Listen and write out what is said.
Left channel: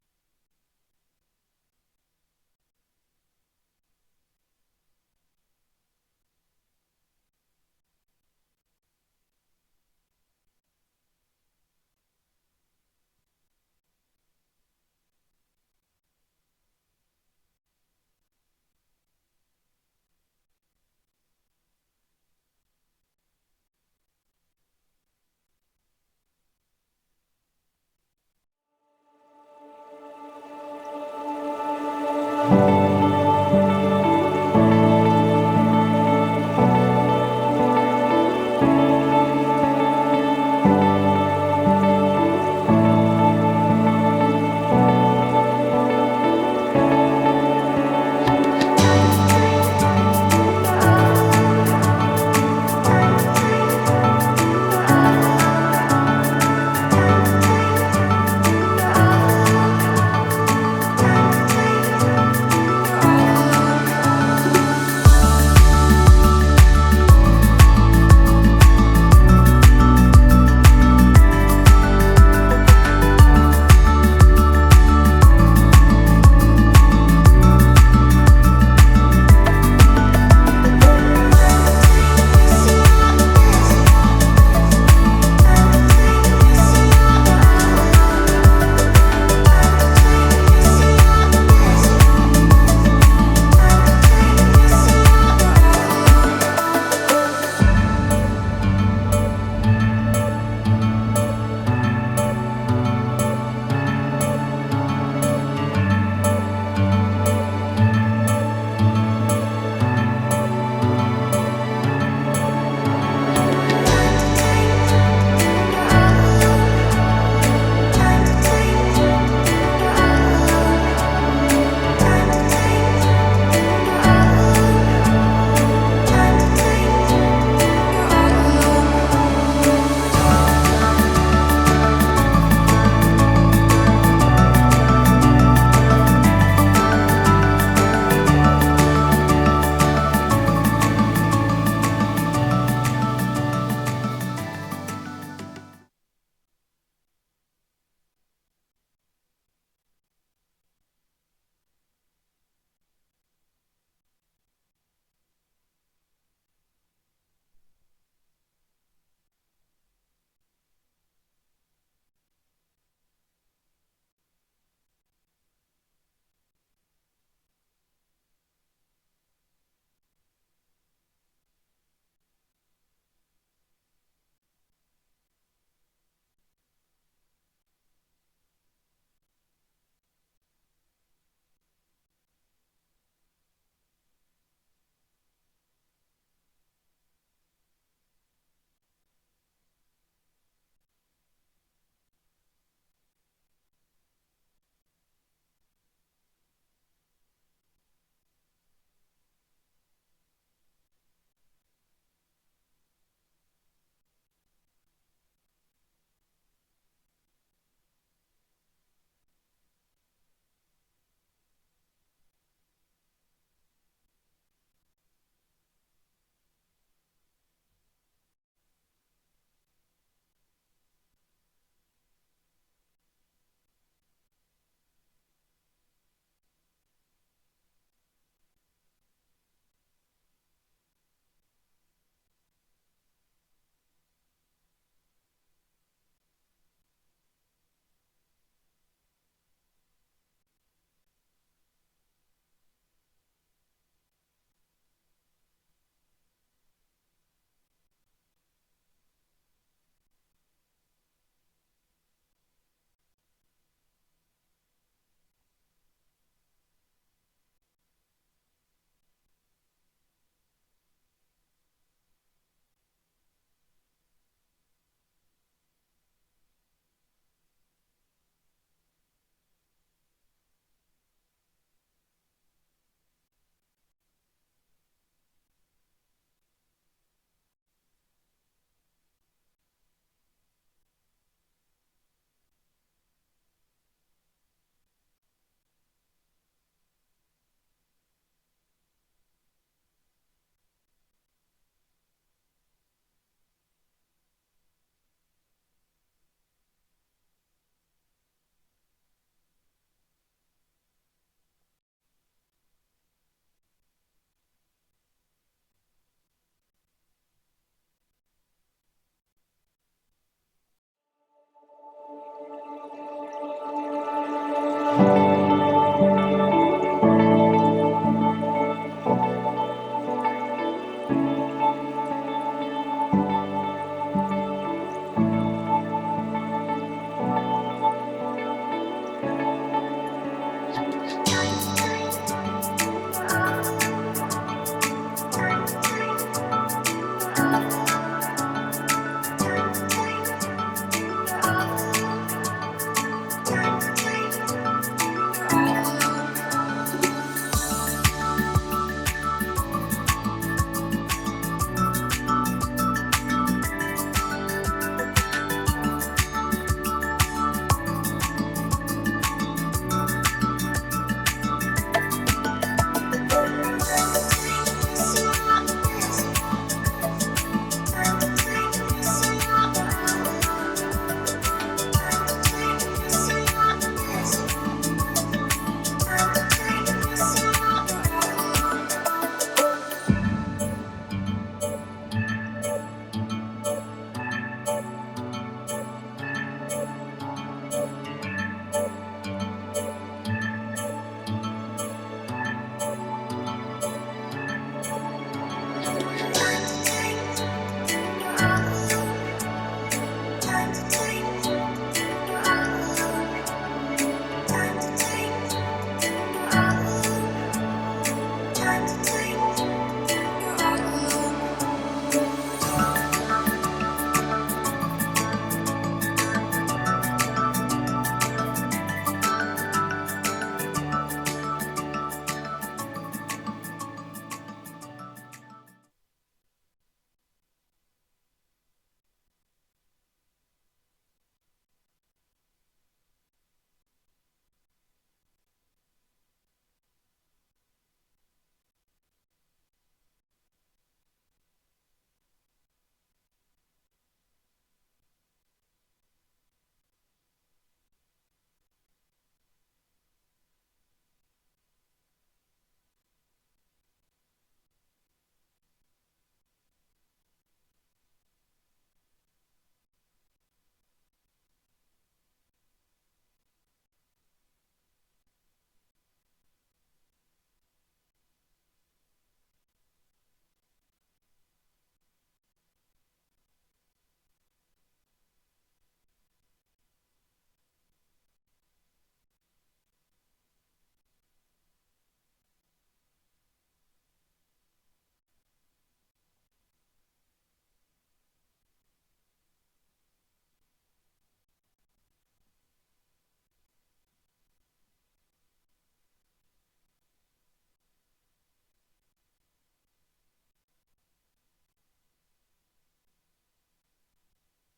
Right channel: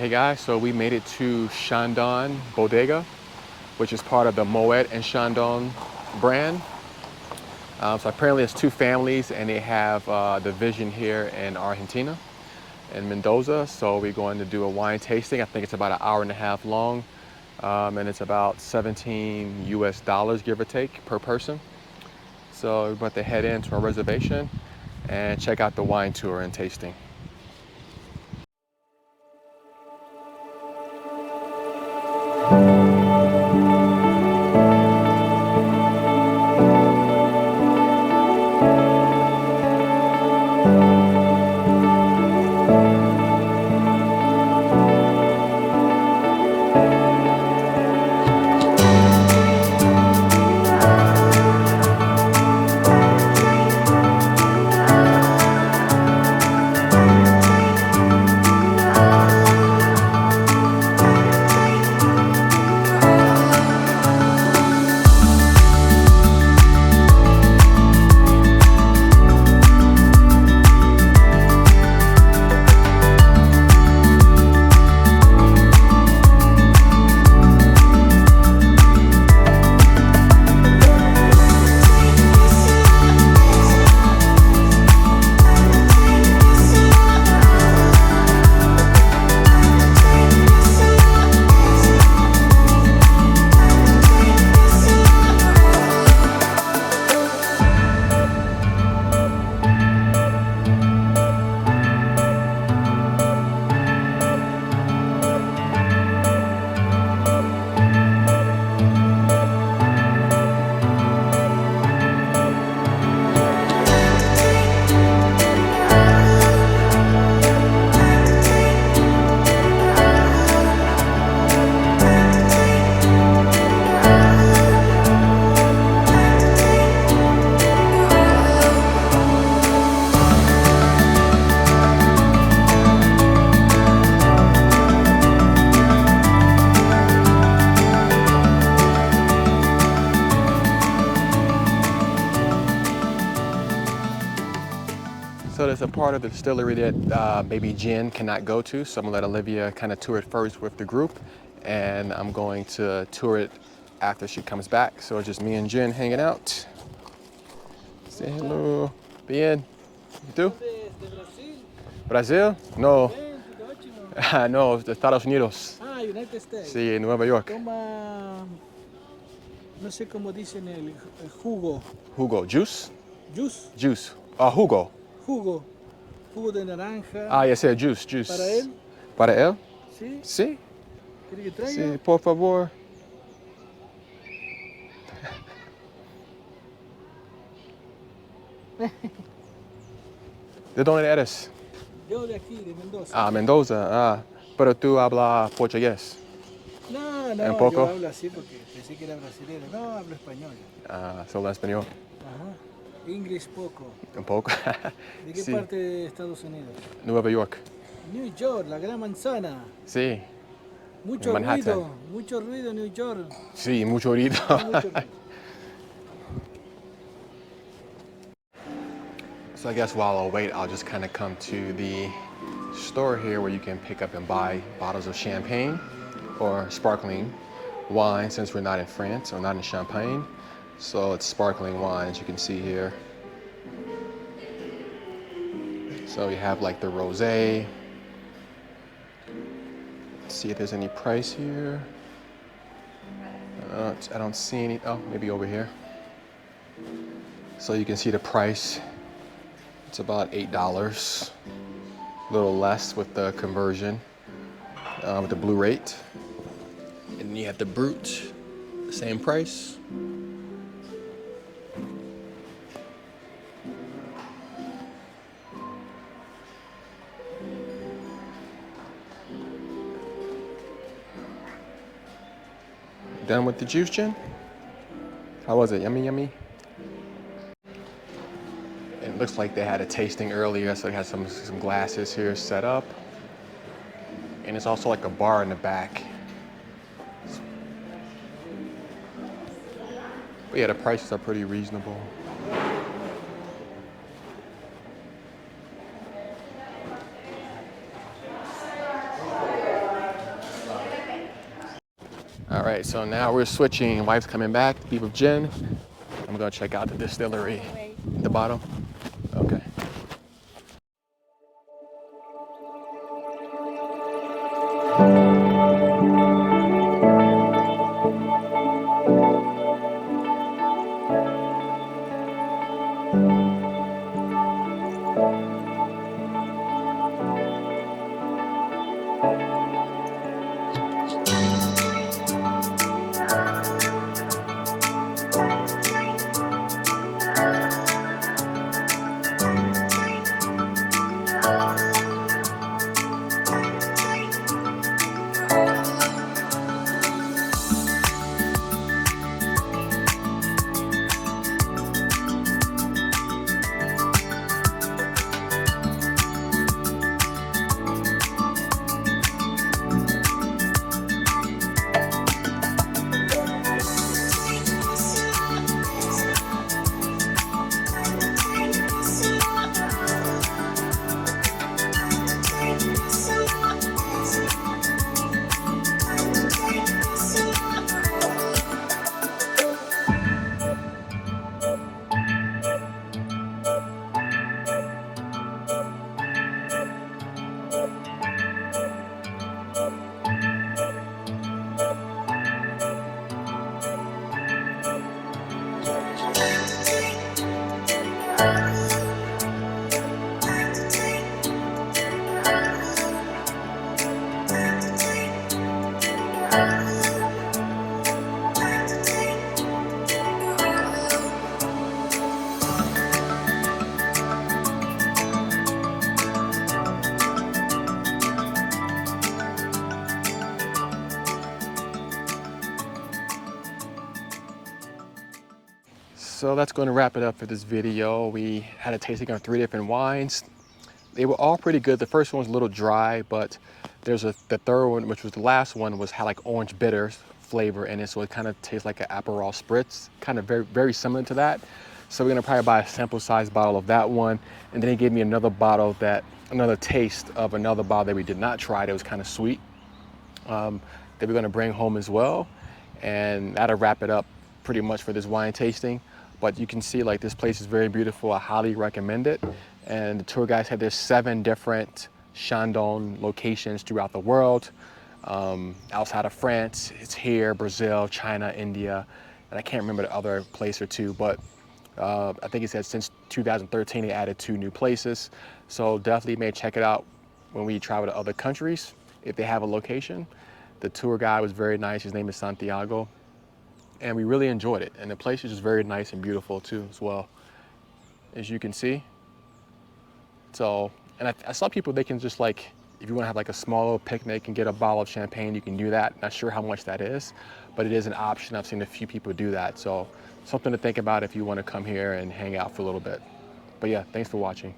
Hey guys, so we made it to Chandon Bodega, which is part of the Moet and Chandon brand. So apparently it's two families and they have the vision here in Argentina, in Mendoza. So we're going to do a wine tasting. I think it's about an hour and a half long. And it's about 17 US dollars, give or take, per person. So we're about to head into our reservation and check out the wine tour and tasting. So there's a part of the distillery that maybe Jen cannot go to, so I'm gonna let Olivia kind of tour it first with the group, and I'm going to tour it after she comes back. So it's just me and Jen hanging out. Say hello. Bien. ¿Y tú? Brasil? No. No, de Estados Unidos. Ah, United States. Sí, en Nueva York. Toma, no sé cómo dicen el jugo. Jugo. Juice? Juice. Juice. Jugo. Jugo. Jugo de naranja. Ah, ya sé, juice, juice. ¿Para él? ¿Para él? Sí. Sí. ¿Quiere que traiga? Sí, por favor. ¿De dónde eres? Yo de aquí, de Mendoza. Ah, Mendoza. Ah, pero tú hablas portugués. No, no, ¿Un poco? yo hablo así porque pensé que era brasileño. No, hablo español. Ah, solo español. Ajá. Inglés poco. Un poco. ¿De qué Sí. parte de Estados Unidos? Nueva York. New York, la gran manzana. Sí. Mucho Manhattan. mucho ruido en New York. Sí, mucho ruido. Mucho ruido. So I guess while I'll wait, I'll just kind of come to the store here where you can pick up and buy bottles of champagne or sparkling wine, since we're not in France or not in Champagne. So it's sparkling wine, as you can see here. So you have like the rosé. Let's see if there's any price here. I don't see any. Oh, maybe over here. So you can see the price. It's about $8, a little less with the conversion, with the blue rate. And then you have the Brut, same price. Done with the juice, Jen? How was it? Yummy, yummy? It looks like they had a tasting earlier, so they had some glasses here set up. And it's also like a bar in the back. But yeah, the prices are pretty reasonable. All right, so now we're switching. Wife's coming back to be with Jen. I'm gonna check out the distillery at the bottom. Okay. So that's going to wrap it up for this video. We had a tasting of 3 different wines. They were all pretty good. The first one was a little dry, but the third one, which was the last one, had like orange bitters flavor in it, so it kind of tastes like an Aperol spritz, kind of very similar to that. So we're gonna probably buy a sample size bottle of that one, and then he gave me another taste of another bottle that we did not try that was kind of sweet, that we're gonna bring home as well, and that'll wrap it up pretty much for this wine tasting. But you can see like this place is very beautiful. I highly recommend it. And the tour guide said there's 7 different Chandon locations throughout the world. Outside of France, it's here, Brazil, China, India, and I can't remember the other place or two, but I think it said since 2013 they added 2 new places. So definitely may check it out when we travel to other countries if they have a location. The tour guide was very nice. His name is Santiago. And we really enjoyed it. And the place is just very nice and beautiful too as well, as you can see. So, and I saw people, they can just like, if you want to have like a small little picnic and get a bottle of champagne, you can do that. Not sure how much that is, but it is an option. I've seen a few people do that. So something to think about if you want to come here and hang out for a little bit. But yeah, thanks for watching.